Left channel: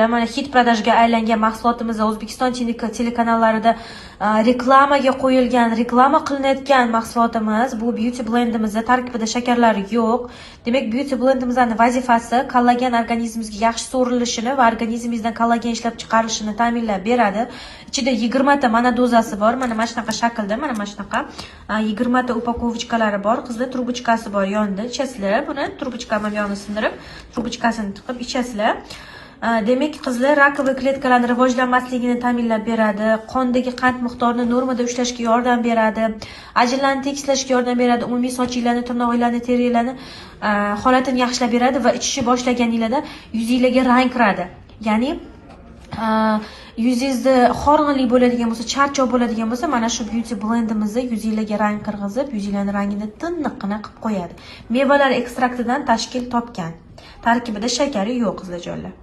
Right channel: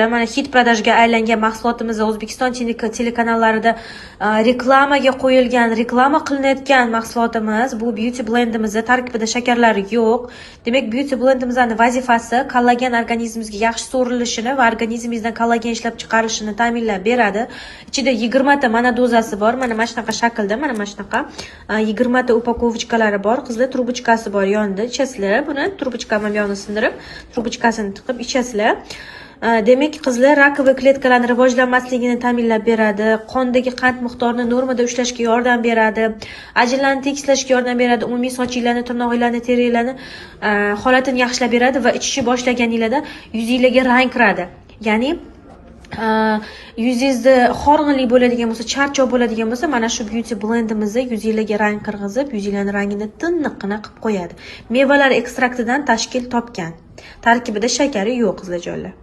qizlarjonlar, mana hit prodajga aylangan mahsulotimizni O'zbekiston telekanallarida reklamaga qo'yilgan, reklama qilinayotgan mahsulotimiz. Bu beauty blendimizda tarkibida shakarlar yo'q. Demak, beauty blendimizning vazifasi kollagen organizmimizga yaxshi so'rilishini va organizmimizdan kollagen ishlab chiqarishini ta'minlab beradi. Ichida 20 ta mana dozasi bor. Mana shunaqa shaklda, mana shunaqa 20 ta upakovochalari bor. Qizlar trubochkasi bor yonida. Ichasizlar. Buni trubochkamni yonini sindirib, trubochkasini tiqib ichasizlar. Demak, qizlar rakoviy kletkalarning rivojlanmasligini ta'minlab beradi, qondagi qand miqdorini normada ushlashga yordam beradi, ajinlarni tekislashga yordam beradi, umumiy sochinglarni, tirnoqlarni, terilarni holatini yaxshilab beradi va ichishni boshlaganingizda yuzingizga rang kiradi. Ya'ni yuzingizni horg'inlik bo'ladigan bo'lsa, charchoq bo'ladigan bo'lsa, mana shu beauty blendimizni yuzingizga rang kirgizib, yuzingizning rangini tiniqqina qilib qo'yadi. Mevalar ekstraktidan tashkil topgan. Tarkibida shakari yo'q, qizlarjonlar.